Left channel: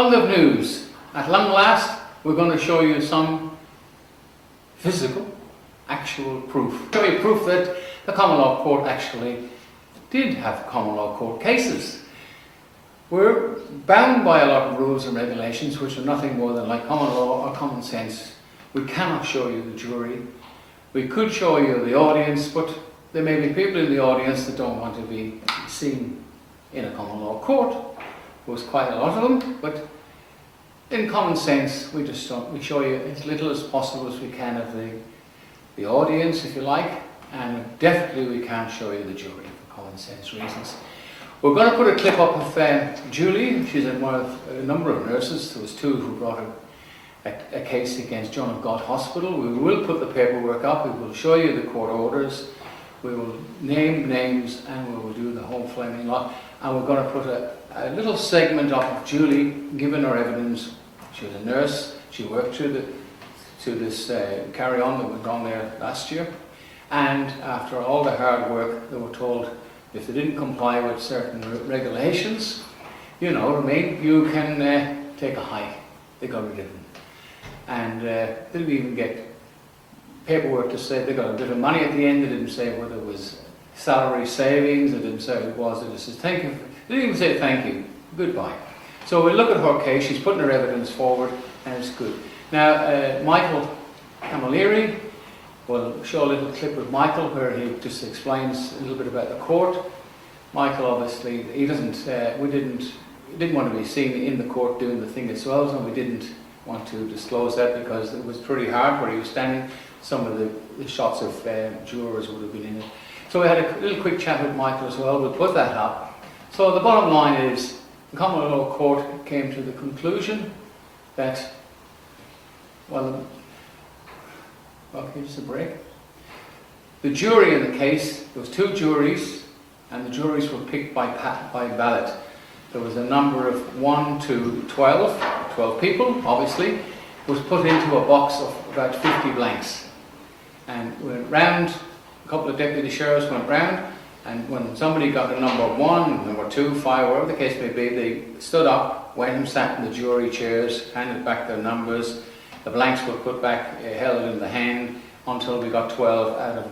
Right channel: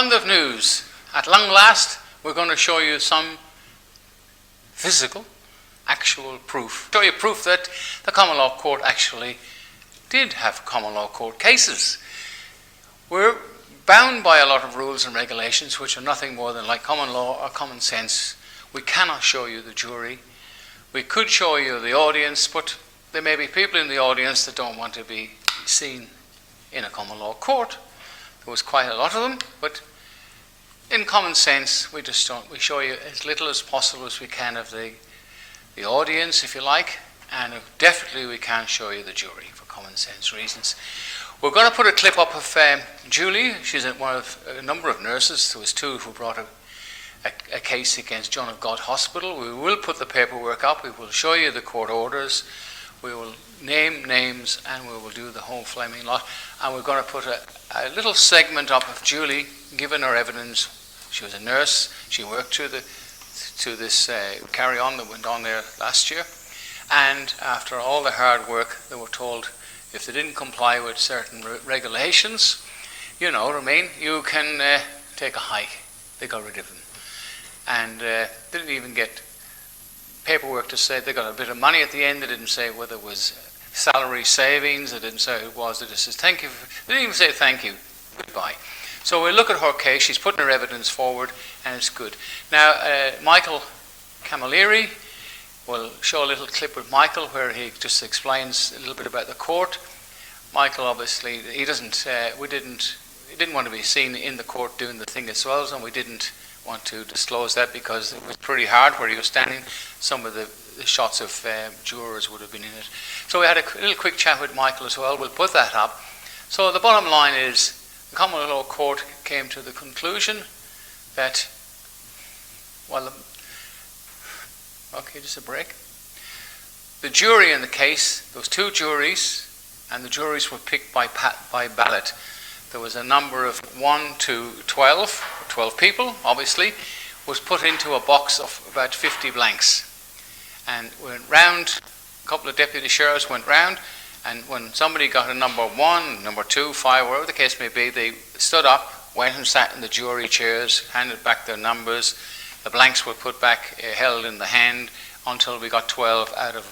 London News. At long last, we're going to show you some physical, actual proof. Show you proof that the Common Law Court actually did have Common Law Court cases. We're bound by a lot of rules and regulations which are nothing more than like common law or common sense. We cannot show you the jury. We could show you the audience, but there may be people in the audience that don't want to be seen in a common law court. There was quite a lot of them, but in common sense, we show you as little as possible as we can of the audience, if you like, and definitely we can't show you the jury for common sense reasons. We're going to put a clip up of Julie. She's one of a number of nurses. There was two who brought a case against John of God Hospital. We will put the paperwork up. We will show you the court orders. We will name names and we will do the whole flaming lot. And we're going to put a little segment up of Julie giving her evidence. She was a nurse. She worked to this carry-on that went on there last year. And after all the hard work, they were told if they didn't comply with certain regulations, you know what I mean, you can take a hike. They got rid of them. And didn't even get paperwork to say they got a bit of money at the end. They didn't say whether it was salary savings. They didn't say it was. They just said thank you. They didn't even say thank you. Goodbye. So we look at her case. She's putting her evidence forward, and it's good. Now, Michael Camilleri, we'll show a little clip of Michael where he just explains a little bit about the court. Michael, obviously, he didn't want to be seen in the court doing the thing as well, and we didn't want to disclose that because it was pretty hard where he was standing. Some of the shots of jurors would have been in it. So we had a little quick chat with Michael as well. We'll put that up. So the bottom line is the Common Law Court came to the conclusion that, well, okay, just a break. The jury in the case, there was two juries, and the juries were picked by ballot. There was a number of 1 to 12 people, obviously, was put into a box of about 50 blanks. And went round, a couple of deputy sheriffs went round, and when somebody got a number 1, number 2, 5, whatever the case may be, they stood up, went and sat in the jury chairs, handed back their numbers. The blanks were put back, held in the hand, until we got 12 out of,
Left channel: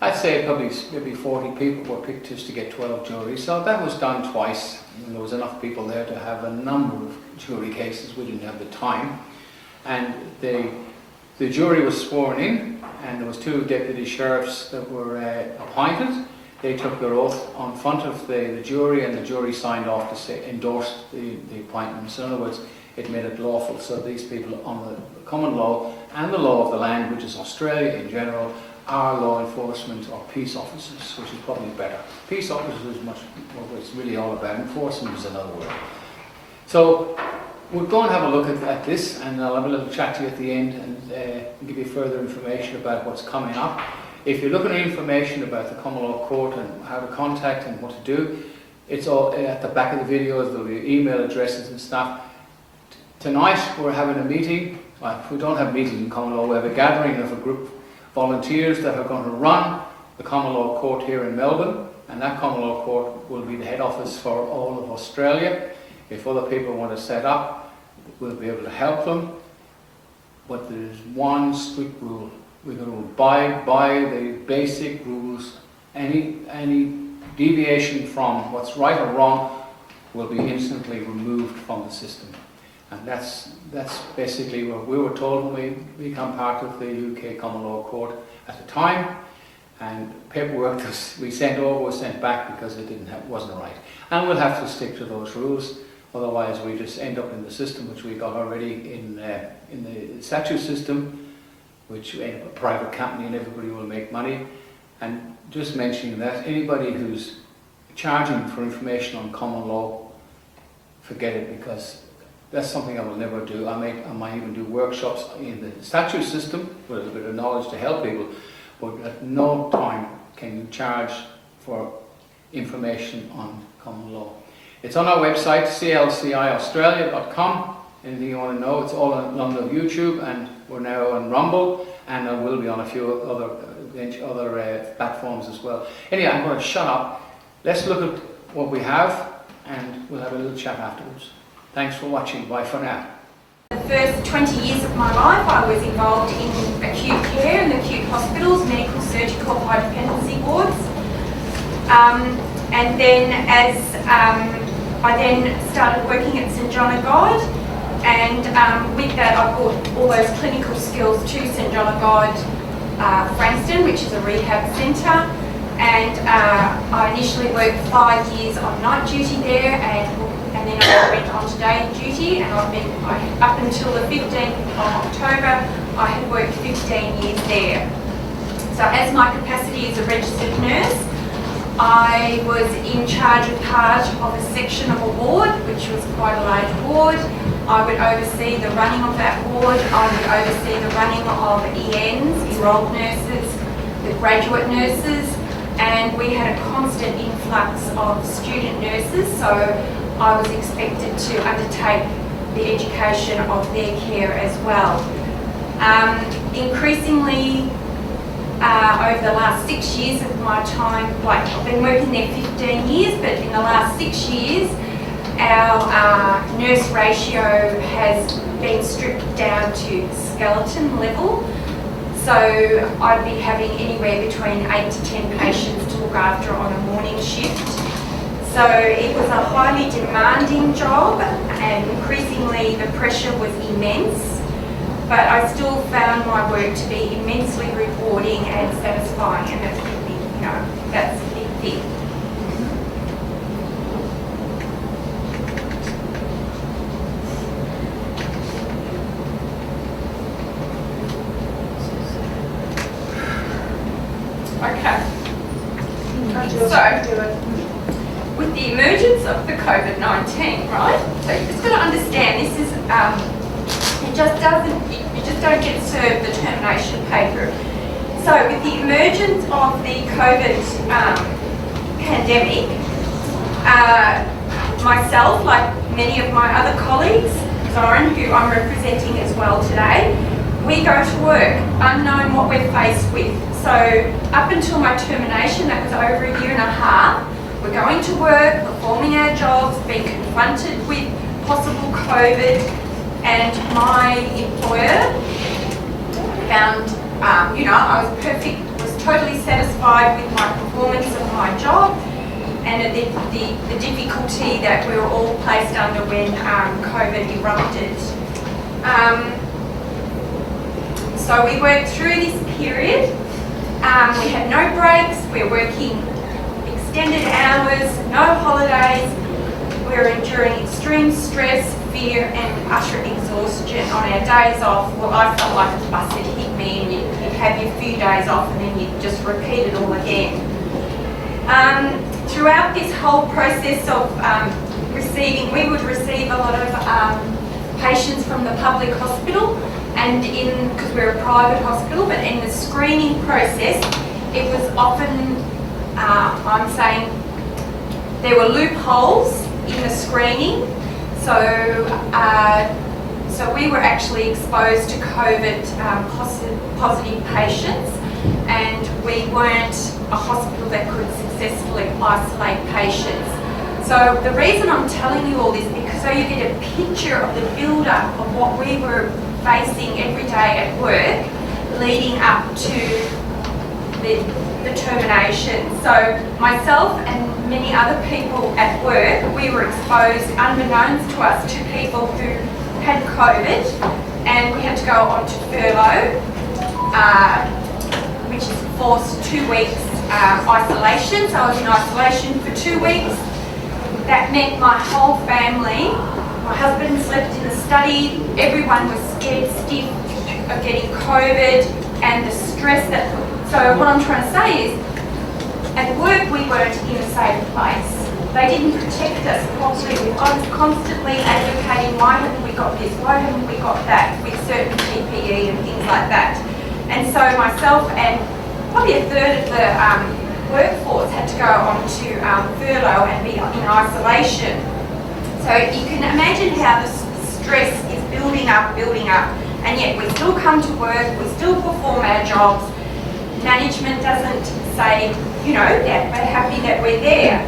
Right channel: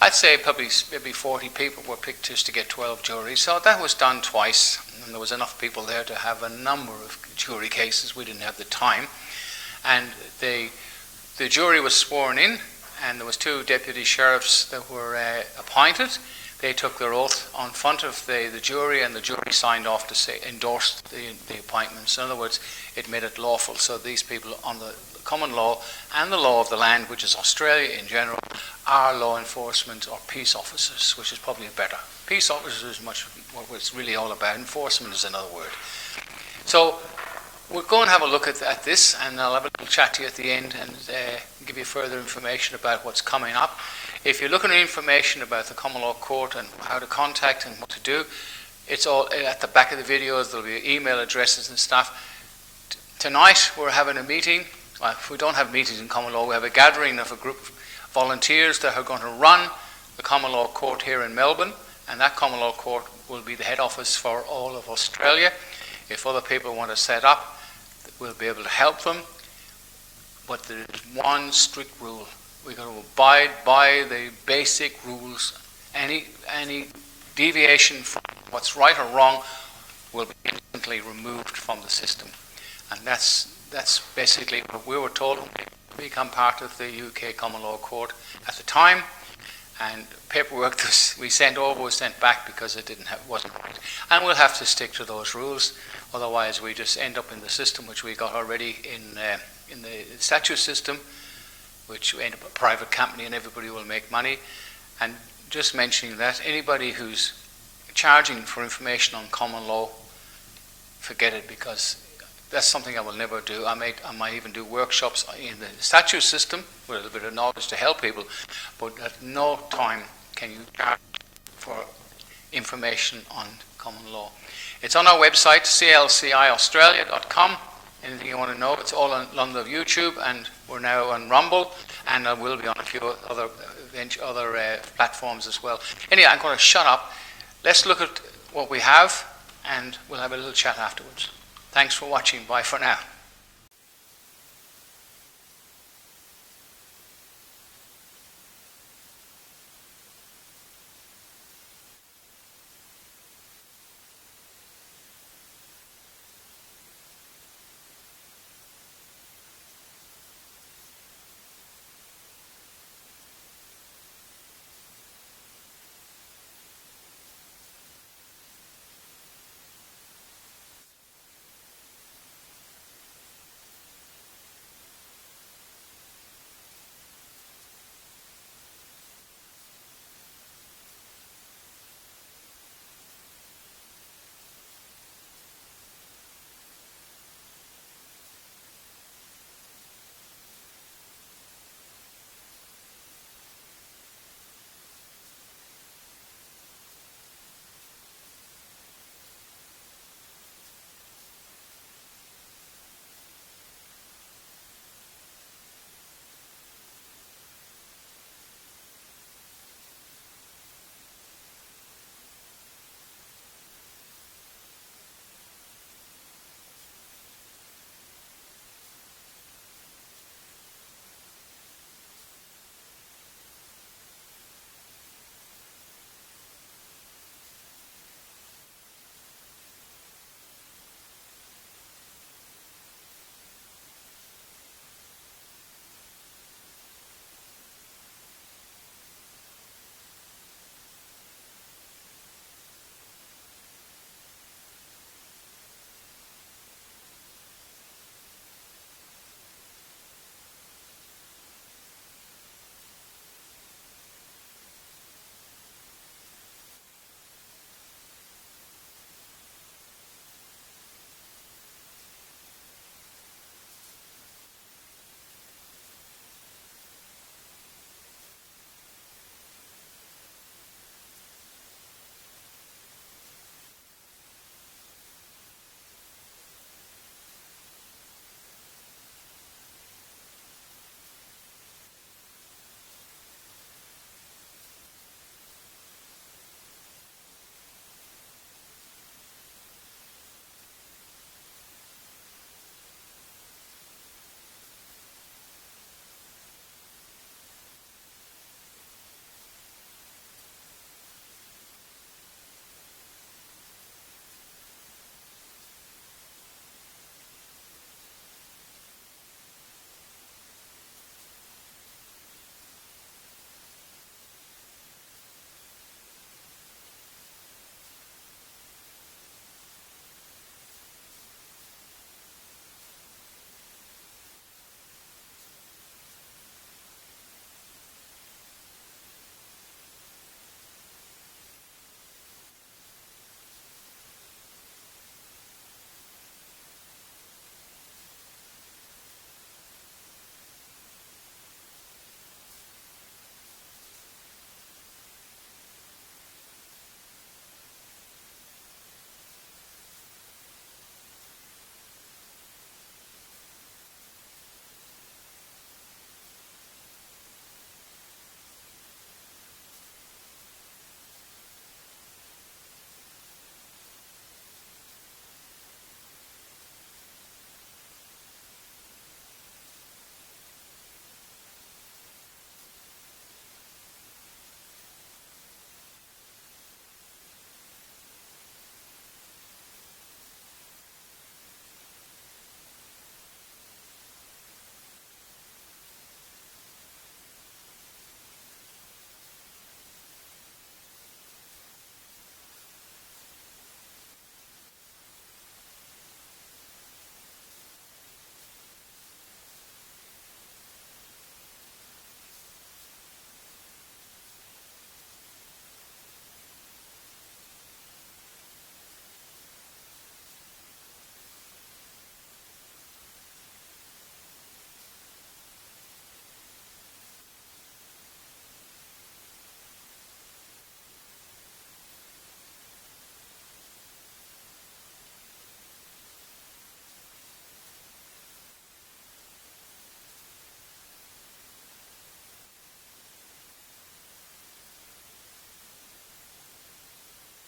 I'd say probably maybe 40 people were picked just to get 12 juries. So that was done twice. And there was enough people there to have a number of jury cases. We didn't have the time. And the jury was sworn in, and there was 2 deputy sheriffs that were appointed. They took their oath on front of the jury, and the jury signed off to say endorsed the appointments. In other words, it made it lawful. So these people on the common law and the law of the land, which is Australia in general, are law enforcement or peace officers, which is probably better. Peace officers is much what it's really all about. Enforcement is another word. So we'll go and have a look at this, and I'll have a little chat to you at the end and give you further information about what's coming up. If you're looking at information about the Common Law Court and how to contact and what to do, it's all at the back of the videos. There'll be email addresses and stuff. Tonight we're having a meeting. Well, if we don't have meetings in Common Law, we have a gathering of a group of volunteers that are going to run the Common Law Court here in Melbourne, and that Common Law Court will be the head office for all of Australia. If other people want to set up, we'll be able to help them. But there's one strict rule. We're going to abide by the basic rules. Any deviation from what's right or wrong will be instantly removed from the system. And that's basically what we were told when we become part of the UK Common Law Court at the time. And paperwork we sent over was sent back because it wasn't right. And we'll have to stick to those rules. Otherwise, we just end up in the system which we got already in the statute system, which we end up a private company and everybody will make money. And just mentioning that, anybody who's charging for information on common law, forget it, because that's something I will never do. I might even do workshops in the statute system with a little bit of knowledge to help people, but at no time can you charge for information on common law. It's on our website, clciaustralia.com. Anything you want to know, it's all on YouTube, and we're now on Rumble, and I will be on a few other platforms as well. Anyway, I'm going to shut up. Let's look at what we have, and we'll have a little chat afterwards. Thanks for watching. Bye for now. The first 20 years of my life I was involved in acute care in the acute hospitals, medical, surgical, high dependency wards. And then as I then started working at St John of God, and with that I brought all those clinical skills to St John of God Frankston, which is a rehab centre. And I initially worked 5 years on night duty there, and then I went on to day duty, and up until the 15th of October, I had worked 15 years there. So as my capacity as a registered nurse, I was in charge of part of a section of a ward, which was quite a large ward. I would oversee the running of that ward. I would oversee the running of ENs, enrolled nurses, the graduate nurses, and we had a constant influx of student nurses, so I was expected to undertake the education of their care as well. Increasingly, over the last 6 years of my time, like I've been working there 15 years, but in the last 6 years, our nurse ratio has been stripped down to skeleton level. So I'd be having anywhere between 8 to 10 patients to look after on a morning shift. So it was a highly demanding job, and increasingly the pressure was immense. But I still found my work to be immensely rewarding and satisfying, and that's a big, that's a big thing. Okay. So, with the emergence of the COVID-19, right? So you just got to understand this is you just don't get served the termination paper. So with the emergence of the COVID pandemic, myself, like many of my other colleagues, Zoran, who I'm representing as well today, we go to work unknown what we're faced with. So up until my termination, that was over a year and a half, we're going to work, performing our jobs, being confronted with possible COVID, and my employer found, I was totally satisfied with my performance of my job, and the difficulty that we were all placed under when COVID erupted. So we worked through this period. We had no breaks, we were working extended hours, no holidays. We were enduring extreme stress, fear and utter exhaustion on our days off. Well, I felt like a bus had hit me, and you'd have your few days off and then you'd just repeat it all again. Throughout this whole process of we would receive a lot of patients from the public hospital, and because we're a private hospital, but in the screening process, it was often, I'm saying, there were loopholes in the screening. So we were actually exposed to COVID positive patients, and we weren't a hospital that could successfully isolate patients. So the reason I'm telling you all this, because so you get a picture of the build-up of what we were facing every day at work leading up to the termination. So myself and many other people at work, we were exposed, unbeknownst to us, to people who had COVID, and we had to go on to furlough, which is forced 2 weeks isolation. So I was in isolation for 2 weeks. That meant my whole family, my husband slept in the study, everyone was scared stiff of getting COVID, and the stress that... So what I'm trying to say is, at work we weren't in a safe place. They didn't protect us properly. I was constantly advocating, why haven't we got this, why haven't we got that, with certain PPE and things like that. And so myself and probably a third of the workforce had to go on to furlough and be in isolation. So you can imagine how the stress is building up, and yet we still come to work, we still perform our jobs. Management doesn't say, you know, that we're happy that we're there.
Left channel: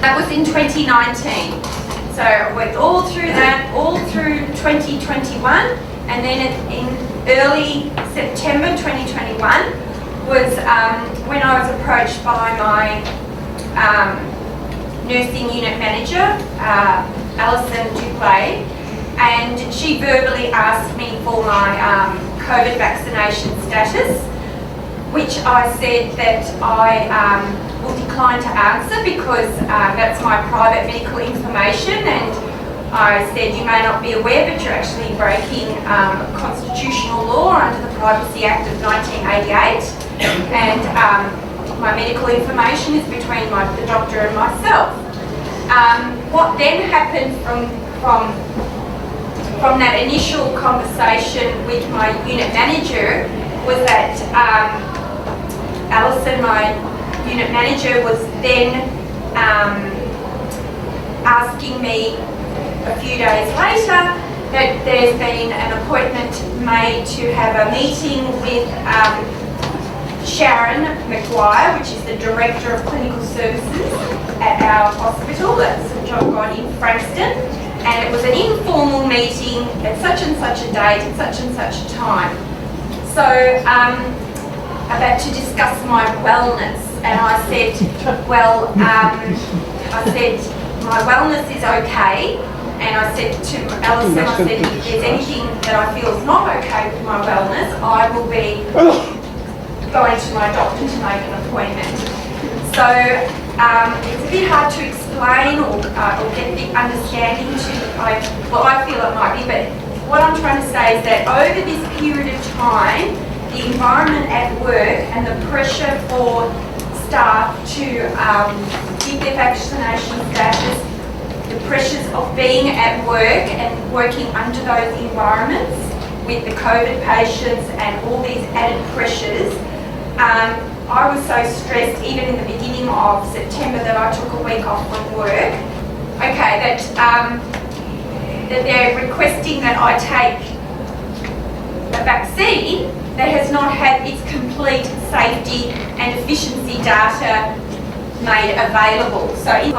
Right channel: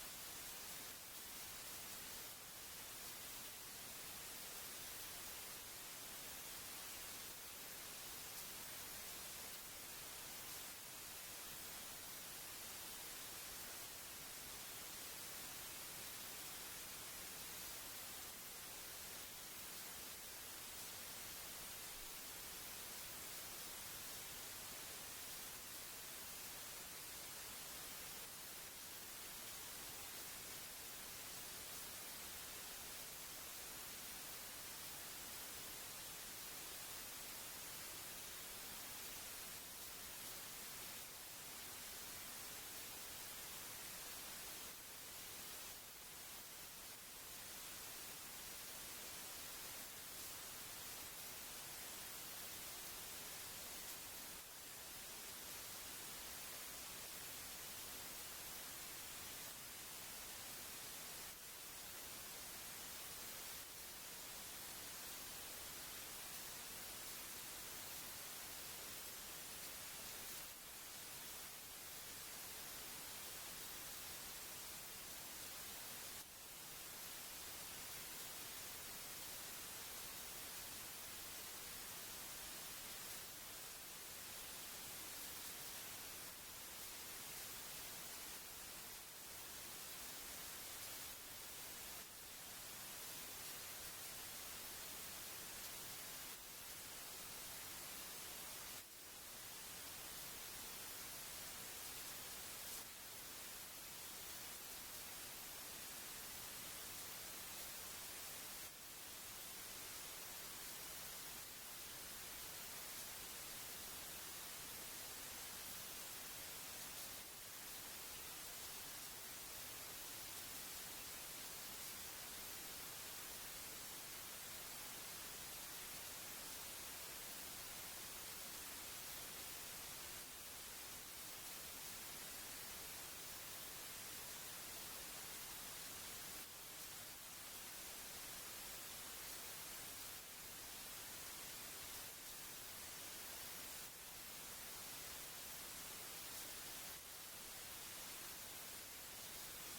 That was in 2019. So I went all through that, all through 2021, and then in early September 2021 was when I was approached by my nursing unit manager, Alison Duplay, and she verbally asked me for my COVID vaccination status, which I said that I will decline to answer because that's my private medical information, and I said you may not be aware but you're actually breaking constitutional law under the Privacy Act of 1988, and my medical information is between the doctor and myself. What then happened from that initial conversation with my unit manager was that Alison, my unit manager, was then asking me a few days later that there's been an appointment made to have a meeting with Sharon McGuire, which is the Director of Clinical Services at our hospital at St John God in Frankston, and it was an informal meeting at such and such a date at such and such a time. So about to discuss my wellness, and I said, well, I said my wellness is okay, and I said to Alison, I said if there's anything that I feel is not okay with my wellness, I will be going to my doctor to make an appointment. So it's a bit hard to explain or get the understanding to what I feel it might be, but what I'm trying to say is that over this period of time, the environment at work and the pressure for staff to give their vaccination status, the pressures of being at work and working under those environments with the COVID patients and all these added pressures, I was so stressed even in the beginning of September that I took a week off from work. Okay, that they're requesting that I take a vaccine that has not had its complete safety and efficiency data made available. So it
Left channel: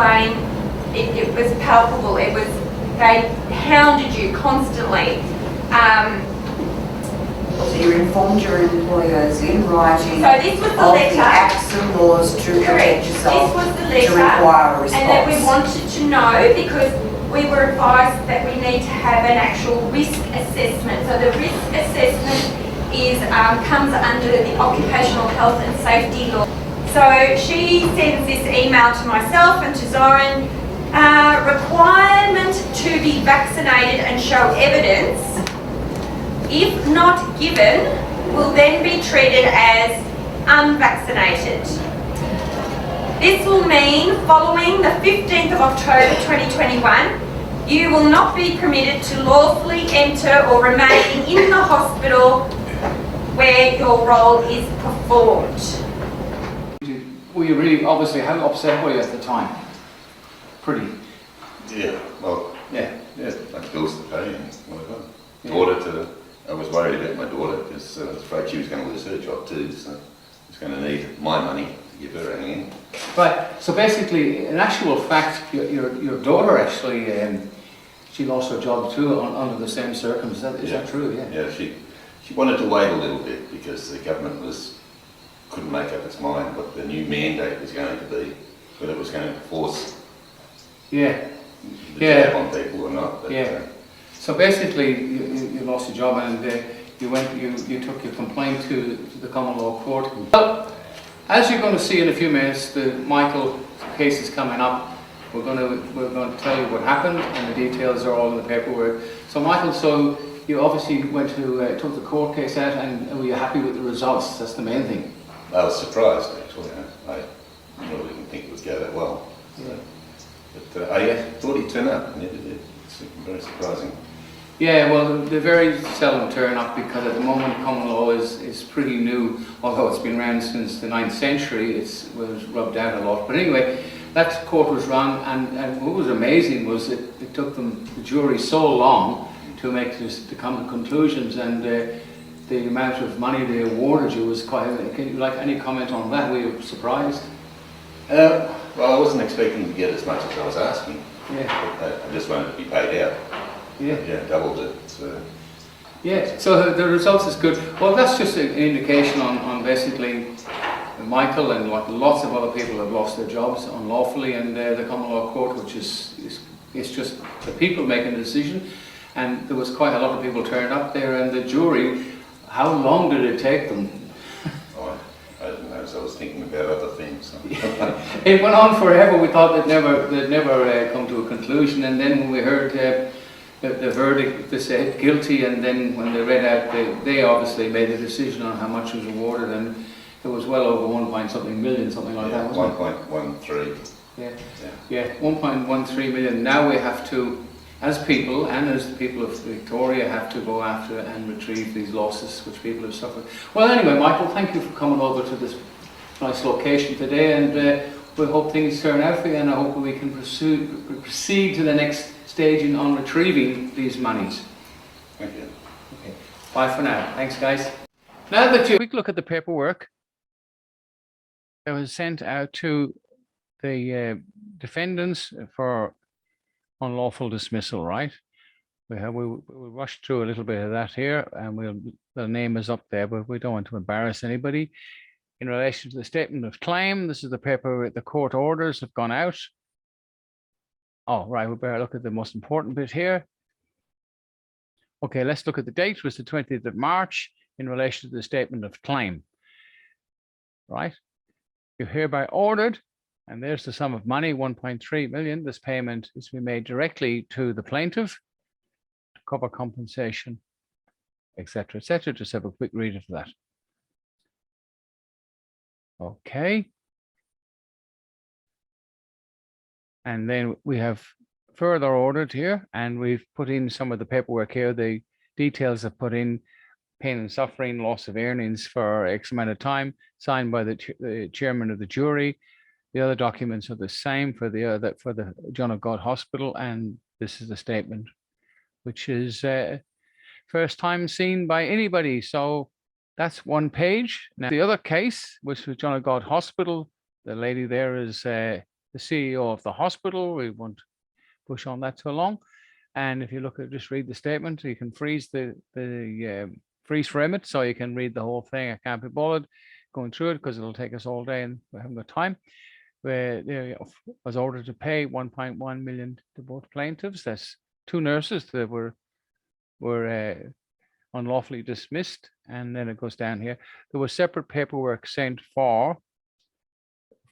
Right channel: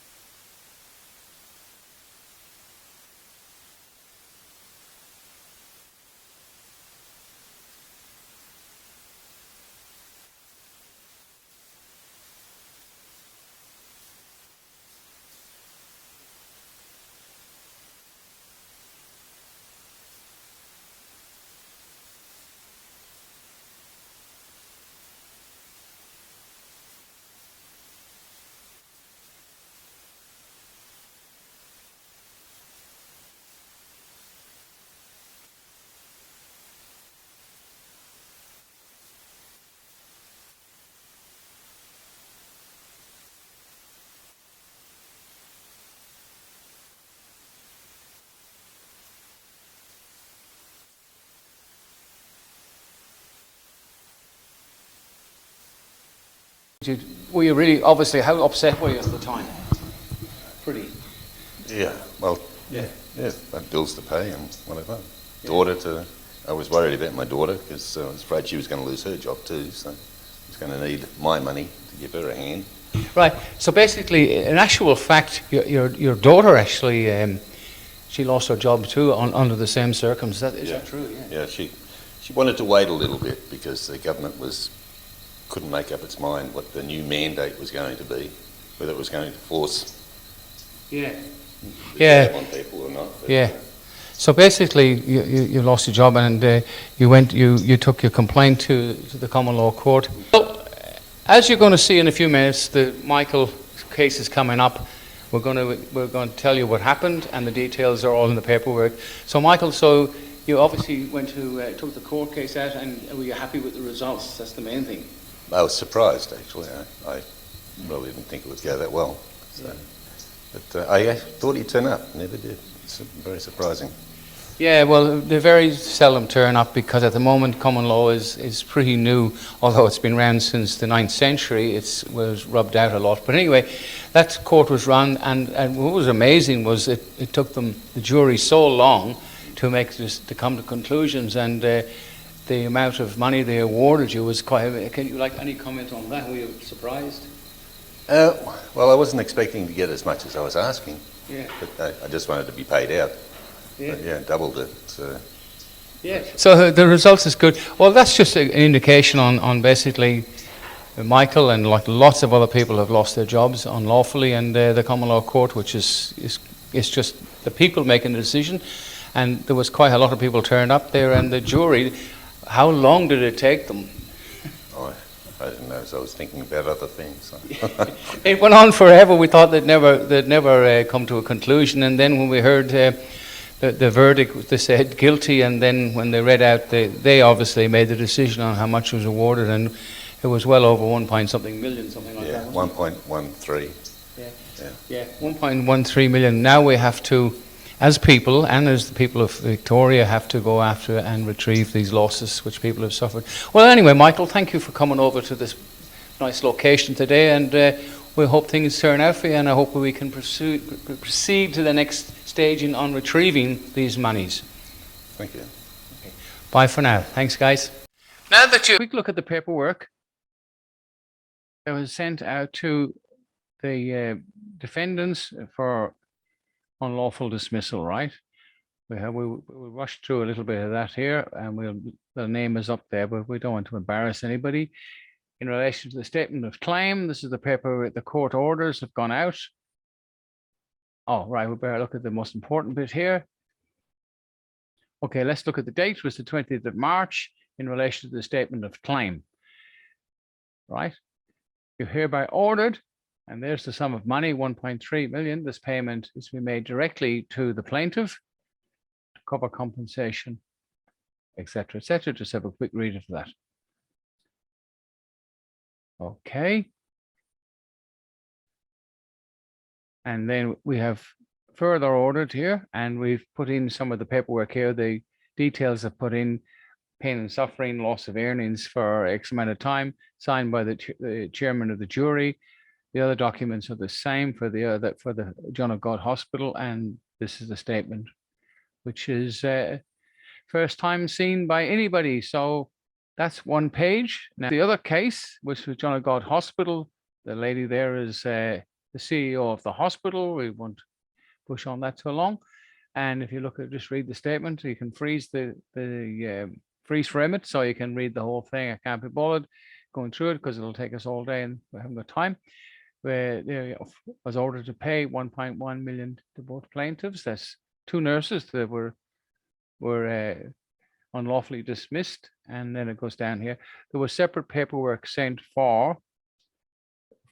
was palpable. They hounded you constantly. So you informed your employers in writing So this was the of letter. the acts and laws to Correct. protect yourself, This was the to letter, require a response. and that we wanted to know because we were advised that we need to have an actual risk assessment. So the risk assessment is comes under the Occupational Health and Safety Law. So she sends this email to myself and to Zoran, requirement to be vaccinated and show evidence, if not given, will then be treated as unvaccinated. This will mean following the 15th of October 2021, you will not be permitted to lawfully enter or remain in the hospital where your role is performed. Were you really, obviously, how upset were you at the time? Pretty. Yeah, well, Yeah. yeah, like bills to pay and whatever. I was worried about my daughter because I was afraid she was going to lose her job too, so I was going to need my money to give her a hand. Right, so basically, in actual fact, your daughter actually, she lost her job too under the same circumstances. Is that true? Yeah. Yeah, she wanted to wait a little bit because the government couldn't make up its mind what the new mandate was going to be, whether it was going to force Yeah. the jab on people or not. But, Yeah. So basically, you lost your job, and you took your complaint to the Common Law Court. Well, as you're going to see in a few minutes, the Michael case is coming up. We're going to tell you what happened, and the details are all in the paperwork. So Michael, so you obviously went to took the court case out, and were you happy with the results? That's the main thing. I was surprised actually. I really didn't think it would go that well. So, but I thought he'd turn up, never did. It's very surprising. Yeah, well, they very seldom turn up because at the moment common law is pretty new, although it's been around since the 9th century. It was rubbed out a lot. But anyway, that court was wrong, and what was amazing was it took the jury so long to come to conclusions, and the amount of money they awarded you was quite. Can you like any comment on that? Were you surprised? Well, I wasn't expecting to get as much as I was asking. Yeah. I just wanted to be paid out. Yeah. Yeah, doubled it. So. Yeah. So the results is good. Well, that's just an indication on basically Michael and like lots of other people have lost their jobs unlawfully, and the common law court, which is just the people making the decision, and there was quite a lot of people turned up there, and the jury. How long did it take them? I didn't know, so I was thinking about other things. It went on forever. We thought they'd never come to a conclusion, and then when we heard the verdict, they said guilty, and then when they read out, they obviously made the decision on how much was awarded, and it was well over 1.something million, something like that. 1.13. Yeah, 1.13 million. Now we have to, as people and as the people of Victoria, have to go after and retrieve these losses which people have suffered. Well, anyway, Michael, thank you for coming over to this nice location today, and we hope things turn out for you, and I hope we can proceed to the next stage on retrieving these monies. Thank you. Okay. Bye for now. Thanks, guys. Now that you quick look at the paperwork that was sent out to the defendants for unlawful dismissal, right? We'll rush through a little bit of that here, and the name is up there, but we don't want to embarrass anybody. In relation to the statement of claim, this is the paper. The court orders have gone out. Oh, right. We better look at the most important bit here. Okay, let's look at the date. It was the 20th of March in relation to the statement of claim. Right? You're hereby ordered, and there's the sum of money, 1.3 million. This payment is to be made directly to the plaintiff to cover compensation, etc., etc. Just have a quick read of that. Okay. And then we have further ordered here, and we've put in some of the paperwork here. The details are put in: pain and suffering, loss of earnings for X amount of time, signed by the chairman of the jury. The other documents are the same for the John of God Hospital, and this is the statement, which is first time seen by anybody. So that's one page. Now the other case, which was John of God Hospital, the lady there is the CEO of the hospital. We won't push on that too long. And if you look at, just read the statement, you can freeze freeze frame it, so you can read the whole thing. I can't be bothered going through it because it'll take us all day, and we haven't got time. Where there was ordered to pay 1.1 million to both plaintiffs. That's two nurses that were unlawfully dismissed, and then it goes down here. There was separate paperwork sent for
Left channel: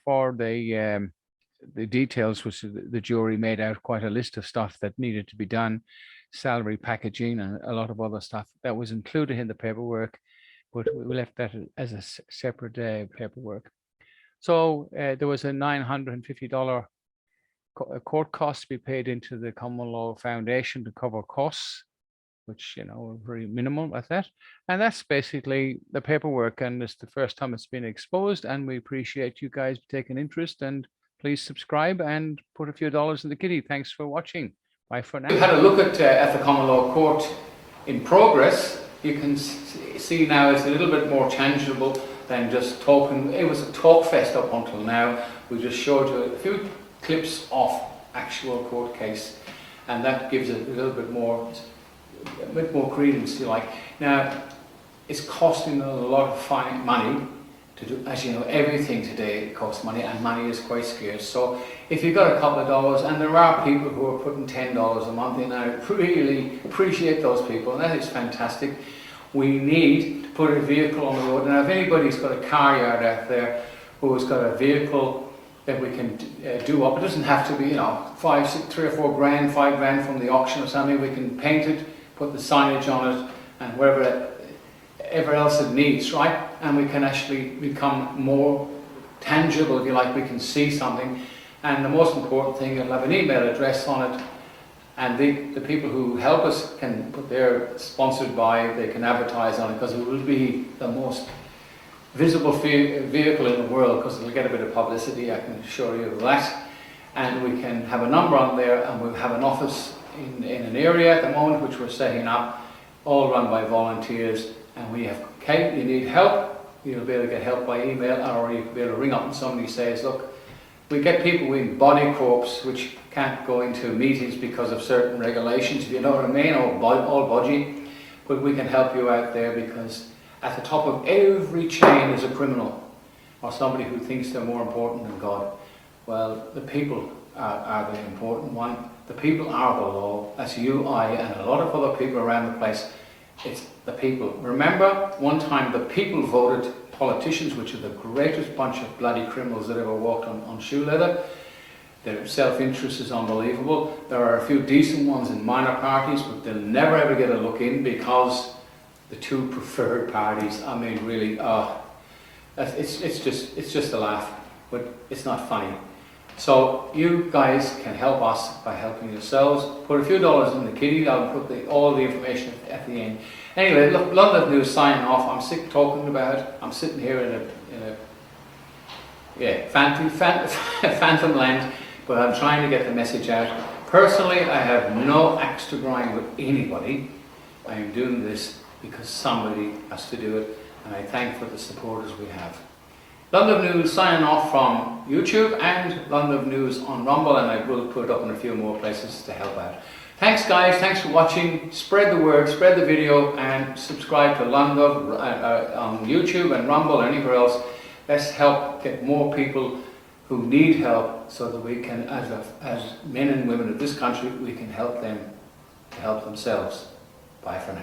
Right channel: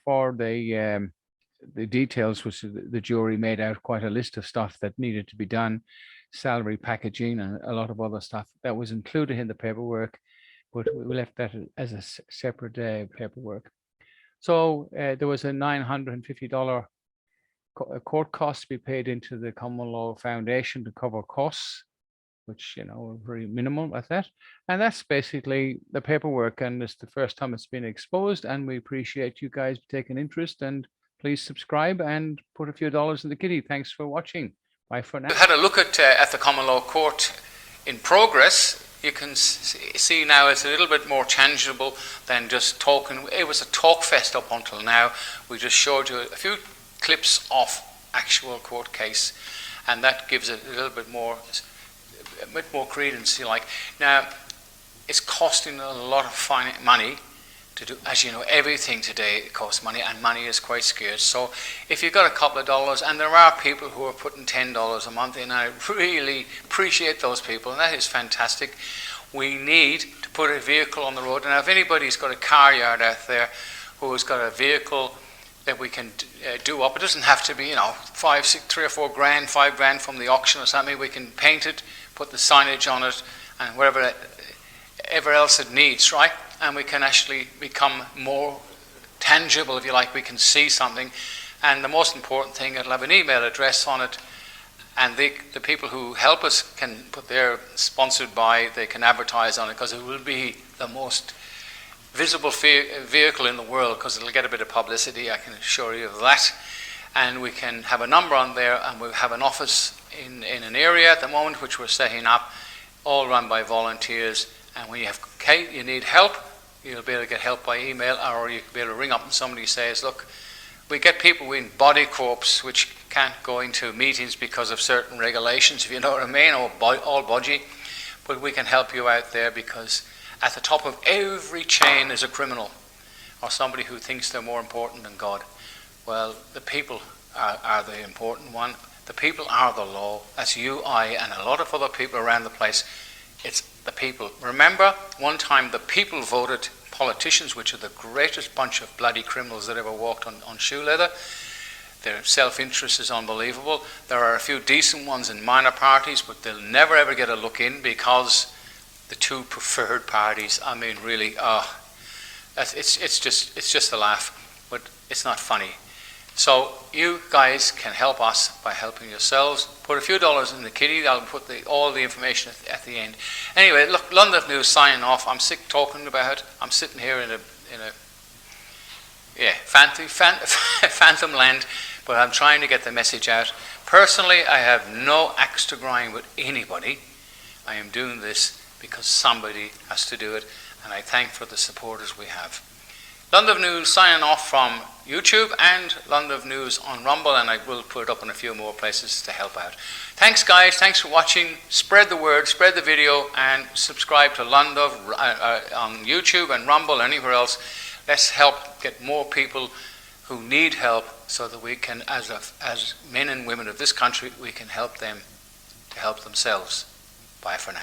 the details, which the jury made out quite a list of stuff that needed to be done, salary packaging and a lot of other stuff that was included in the paperwork, but we left that as a separate paperwork. So there was a $950 court cost to be paid into the Common Law Foundation to cover costs, which, you know, are very minimal at that. And that's basically the paperwork, and it's the first time it's been exposed, and we appreciate you guys taking interest, and please subscribe and put a few dollars in the kitty. Thanks for watching. Bye for now. We've had a look at the Common Law Court in progress. You can see now it's a little bit more tangible than just talking. It was a talk fest up until now. We just showed you a few clips of actual court case, and that gives it a little bit more credence, you like. Now, it's costing a lot of money to do, as you know, everything today costs money, and money is quite scarce. So if you've got a couple of dollars, and there are people who are putting $10 a month in, I really appreciate those people, and that is fantastic. We need to put a vehicle on the road, and if anybody's got a car yard out there who's got a vehicle that we can do up, it doesn't have to be, you know, 3 or 4 grand, 5 grand from the auction or something. We can paint it, put the signage on it, and whatever else it needs, right? And we can actually become more tangible, if you like. We can see something, and the most important thing, it'll have an email address on it, and the people who help us can put their sponsored by, they can advertise on it, because it will be the most visible vehicle in the world, because it'll get a bit of publicity, I can assure you of that. And we can have a number on there, and we'll have an office in an area at the moment which we're setting up, all run by volunteers. And when you need help, you'll be able to get help by email, or you'll be able to ring up and somebody says, look, We get people in body corps which can't go into meetings because of certain regulations, if you know what I mean, or all budgie. But we can help you out there, because at the top of every chain is a criminal or somebody who thinks they're more important than God. Well, the people are the important one. The people are the law. That's you, I, and a lot of other people around the place. It's the people. Remember, one time the people voted politicians, which are the greatest bunch of bloody criminals that ever walked on shoe leather. Their self-interest is unbelievable. There are a few decent ones in minor parties, but they'll never ever get a look in, because the two preferred parties, I mean, really, it's just a laugh, but it's not funny. So you guys can help us by helping yourselves. Put a few dollars in the kitty. I'll put all the information at the end. Anyway, look, London News signing off. I'm sick talking about it. I'm sitting here in a phantom land, but I'm trying to get the message out. Personally, I have no axe to grind with anybody. I am doing this because somebody has to do it, and I thank for the supporters we have. London News signing off from YouTube and London News on Rumble, and I will put it up in a few more places to help out. Thanks guys, thanks for watching. Spread the word, spread the video, and subscribe to London on YouTube and Rumble and anywhere else. Let's help get more people who need help, so that we can, as men and women of this country, we can help them to help themselves. Bye for now.